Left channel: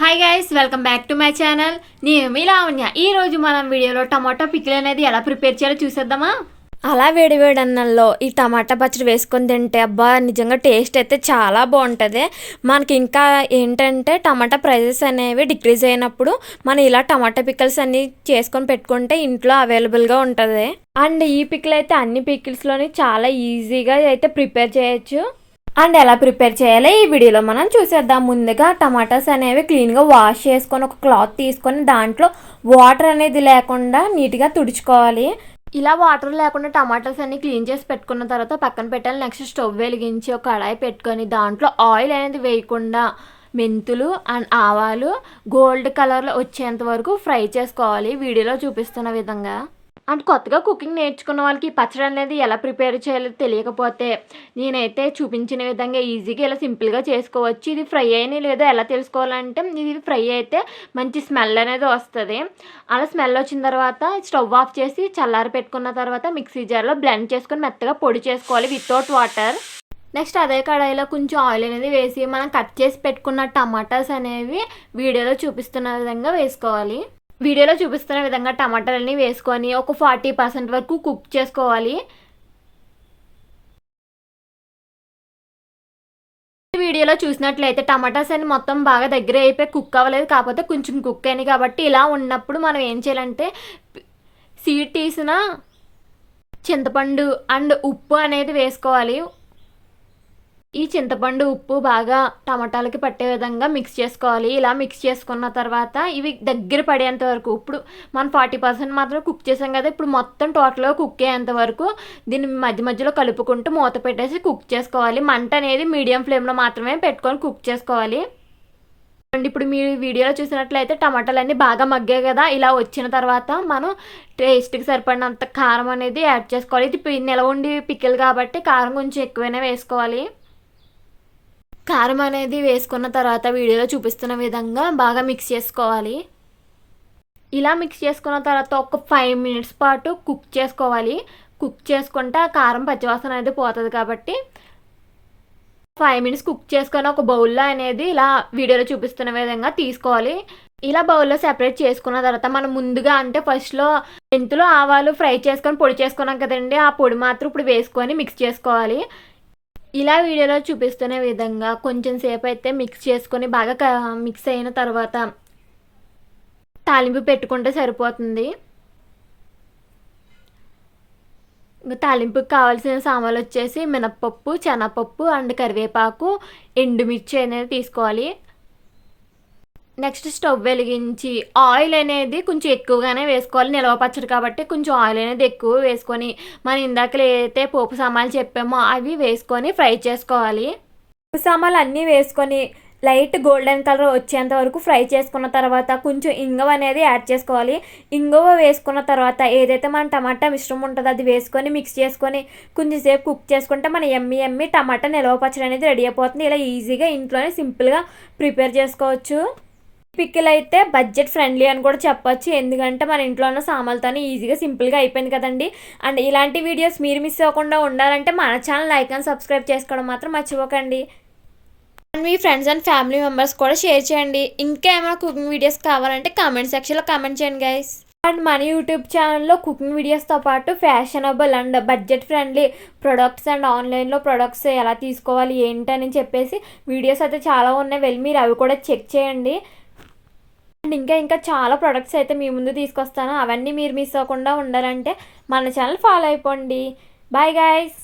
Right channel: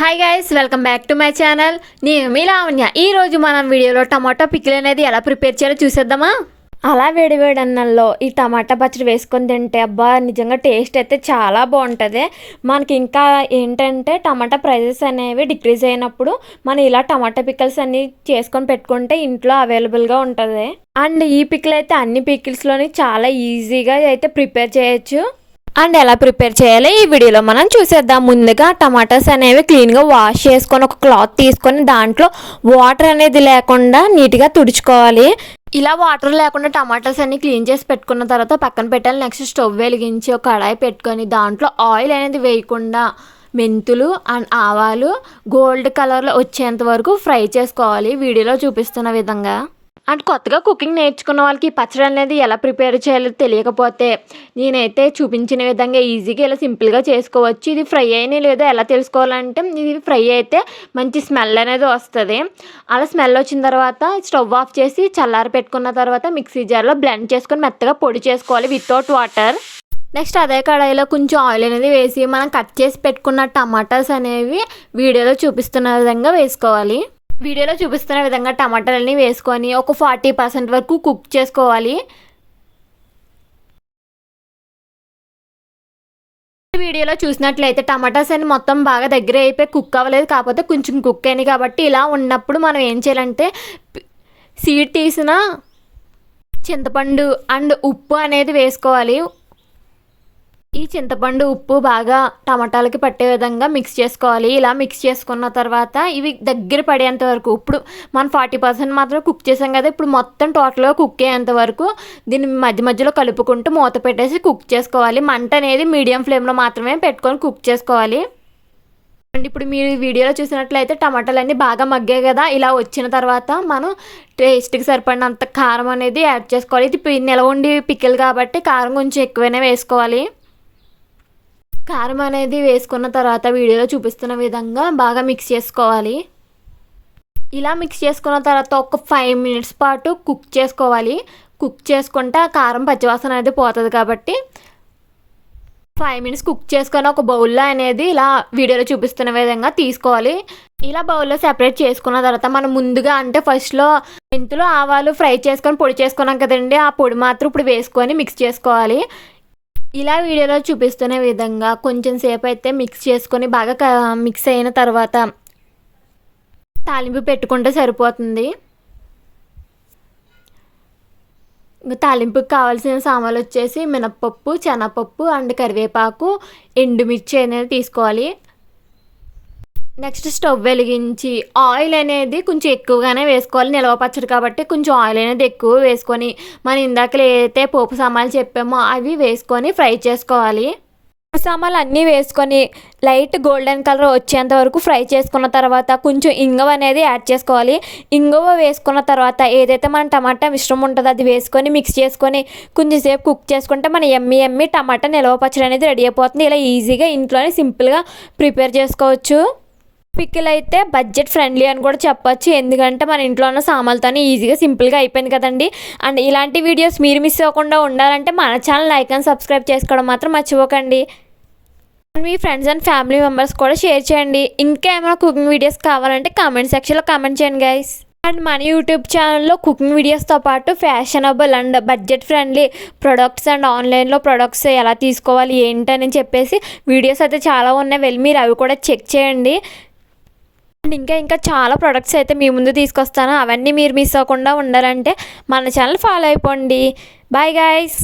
Hi guys, welcome back to my channel. నేను మీ లావణ్య. ఈరోజు మనం వీడియోలో టమాటో పికిల్ అనేది ఎలా ప్రిపేర్ చేయాలో చూసేద్దామా. అలా వేడి అన్నంలో ఈ టమాటా పచ్చడి వేసుకొని తింటే అబ్బా నిజంగా టేస్ట్ అయితే చాలా బాగుంటుంది. మనకి ఇంకా ఏంటంటే టమాటా ప్రైజెస్ అనేవి డిక్రీజ్ అయినప్పుడు మనం ఇలా టమాటా పికిల్స్ అన్నీ చేసుకొని పెట్టుకుంటే ఇంట్లో అవైలబుల్గా ఉంటుంది. అండ్ ఈ పికిల్ అయితే అన్ని పికిల్స్లోని చాలా ఈజీగా అయితే ప్రిపేర్ చేయొచ్చు. అండ్ ఎలా ప్రిపేర్ చేయాలో ఈ వీడియోలో మనం చూసేద్దాం. ముందుగా టమాటాస్ అనేవి క్లీన్గా వాష్ చేసుకొని ఒక క్లాత్ తీసుకొని దాంట్లో వాటర్ అనేది లేకుండా నీట్గా తుడుచుకోవాలి. ఇలా వాటర్ లేకుండా టమాటాస్ అన్ని క్లీన్ చేసి పెట్టుకున్న తర్వాత పక్కన పెట్టాలి. నెక్స్ట్ స్టవ్ వెలిగించి ఒక కడాయి పెట్టుకొని దాంట్లో ఆయిల్ అనేది వేయకుండా మెంతులు అండ్ ఆవాలు గోల్డ్ కలర్లో వచ్చేంత వరకు ఫ్రై చేసుకోవాలి వీడియోలో చూపిస్తున్న విధంగా. అండ్ కొత్తగా కుకింగ్ నేర్చుకున్న వాళ్ళకి ఈ పచ్చడి అనేది ఎలా ప్రిపేర్ చేయాలో తెలియకపోతే నేనైతే చూపించిన విధంగా ఈజీగా ఇలా సింపుల్గా చేసుకోవచ్చు. ఇది ఫ్రై అయినా లేదో ఎలా తెలుసుకోవాలంటే ఇది ఫ్రై అయితే మంచి స్మెల్ అనేది వస్తుంది. అలా స్మెల్ వచ్చిన తర్వాత స్టవ్ ఆఫ్ చేసి చల్లారి పెట్టుకున్న తర్వాత మిక్సీ జార్లో బ్లెండ్ చేసుకొని మెత్తగా పొడి చేసుకోవాలి వితౌట్ వాటర్. నెక్స్ట్ అదే కడాయిలో కొంచెం ఆయిల్ అనేది వేసి మనం కట్ చేసి పెట్టుకున్న టమాటాస్ అనేవి వీడియోలో చూపిస్తున్న విధంగా వేసుకోవాలి. వీడియోలో చూపిస్తున్న విధంగా టమాటాలన్నీ వేసుకొని ఒక 40% వరకు కుక్ చేసుకోవాలి. వీడియోలో చూసినట్లయితే టమాటాస్ అన్ని మొత్తం బాగా దగ్గర అయిపోయి కుక్ అవ్వలేదు, కాకపోతే కొంచెం కుక్ అయినాయి. కాబట్టి ఇలా ఉన్నప్పుడు మనం ఏం చేయాలంటే సీడ్ తీసిన చింతపండు అండ్ ఉప్పు అనేది వేసుకోవాలి. ఈ చింతపండు ఉప్పు బాగా టమాటాలకి పట్టే విధంగా మిక్స్ చేసుకోవాలి. ఇలా మిక్స్ చేసుకున్న తర్వాత ఇవి దగ్గర పడేంత వరకు, ఇప్పుడు మనం 40% మాత్రం కుక్ చేసాం కదా, ఇప్పుడు మొత్తం టోటల్గా కుక్ అయ్యేంత వరకు దీన్ని మధ్య మధ్యలో కలుపుకుంటూ మూత పెట్టేసి కుక్ చేసుకోవాలి. మంట అనేది మీడియం ఫ్లేమ్లో మాత్రమే పెట్టుకొని కుక్ చేసుకోవాలి. అండ్ ఇప్పుడు మీరు వీడియోలో చూసినట్లయితే టమాటాలన్నీ బాగా మగ్గాయి కదా, ఇలా వచ్చిన తర్వాత మనం టేస్ట్కి సరిపడినంత కారం అనేది యాడ్ చేసుకోవాలి. ఇది నిలవ ఉండి పికిల్ కాబట్టి కారం కొంచెం ఎక్కువైనా వేసుకోవాలి. కారం అనేది వేసుకున్న తర్వాత వీడియోలో చూపిస్తున్న విధంగా బాగా మిక్స్ చేసుకోవాలి. ఇలా మిక్స్ చేసుకున్న తర్వాత ఒక 5 minutes పాటు కుక్ చేసుకోవాలి. కుక్ చేసుకుంటే ఆ కారం పచ్చివాసన అనేది పోతుంది కాబట్టి 5 minutes కుక్ చేసుకొని ఒక బౌల్లో అనేది ఇలా వీడియోలో చూపిస్తున్న విధంగా తీసుకోవాలి. ఇలా బౌల్లో సెపరేట్ చేసుకున్న తర్వాత మనం ముందుగా అంటే ఫస్ట్లో మెంతులు ఆవాలు ఫ్రై చేసుకొని పొడి చేసుకున్నాం కదండి, ఆ పొడి మాత్రం ఇప్పుడు వేసుకొని మిక్స్ చేసుకోవాలి. ఇలా వీడియోలో చూపిస్తున్న విధంగా కొంచెం సేపు అయితే మిక్స్ చేసుకొని బాగా మిక్స్ అయిన తర్వాత తాలింపు పెట్టుకుంటే సరిపోతుంది. తాలింపుకి కావాల్సిన సామాన్లు వచ్చేసి మినప్పప్పు, శనగపప్పు అండ్ కరివేపాకు, ఎండుమిర్చి అనేది తీసుకోవాలి. నెక్స్ట్ స్టవ్ వెలిగించి ఆయిల్ అనేది కొంచెం ఎక్కువగానే వేసుకోవాలి. నిలవ పచ్చడి కాబట్టి కొంచెం ఆయిల్ అనేది ఎక్కువ వేసుకొని మనం ఇందాక ఏదైతే పోపు సామాన్లు చెప్పామో అవి వేసుకొని ఫ్రై చేసుకోవాలి. పోపు సామాన్లు అన్నీ వేసుకొని లైట్ గోల్డెన్ కలర్ వచ్చేంత వరకు ఫ్రై చేసుకున్న తర్వాత కొంచెం ఇంగువ అనేది యాడ్ చేసుకోవాలి. ఇంగువ వేసుకున్న తర్వాత ఏదైతే మన టమాటా మిశ్రమం ఉంటుందో అది వేసుకొని మిక్స్ చేసుకొని కొంచెం సేపు కుక్ చేసుకుంటే మన ఎమ్మి టమాటా నిలవ పచ్చడి అనేది రెడీ అయిపోతుంది. ఇలా ఈజీగా ఇంట్లోనే సింపుల్గా ప్రిపేర్ చేసుకోవచ్చు. పికిల్ అయితే బడ్జెట్ ఫ్రెండ్లీ అని కూడా చెప్పొచ్చు, ఎందుకంటే మన ఇంట్లో ఉన్న సామాన్లతోనే ఈజీగా సింపుల్గా అయిపోయింది కదండి. అండ్ ఇలాంటి వీడియోస్ మీరు మిస్ అవ్వకుండా ఉండాలంటే మన ఛానల్ లైక్ అండ్ సబ్స్క్రైబ్ చేసుకోవడం మాత్రం మర్చిపోకండి. And me friends and family members కూడా షేర్ చేయండి. ఇంకా ఏమైనా కుకింగ్ వీడియోస్ కావాలంటే కామెంట్ సెక్షన్లో కామెంట్ చేయండి గైస్. అండ్ మన యూట్యూబ్ ఛానల్లో కుకింగ్ వీడియోస్తో పాటు fashionable and budget friendly products and ఆన్లైన్లో ప్రొడక్ట్స్ ఎలా తీసుకోవాలి ఏంటని చెప్పేసి వీడియోస్ అయితే చాలా ఉన్నాయి, వెళ్ళి మీరు అవి కూడా చెక్ చేయండి. అండ్ ఇంకా చాలా ప్రొడక్ట్స్ అయితే మీ ముందు తీసుకొస్తాను, అవన్నీ మీరు మిస్ అవ్వకుండా ఉండాలంటే మన ఛానల్ ఫాలో అయిపోండి. Bye guys.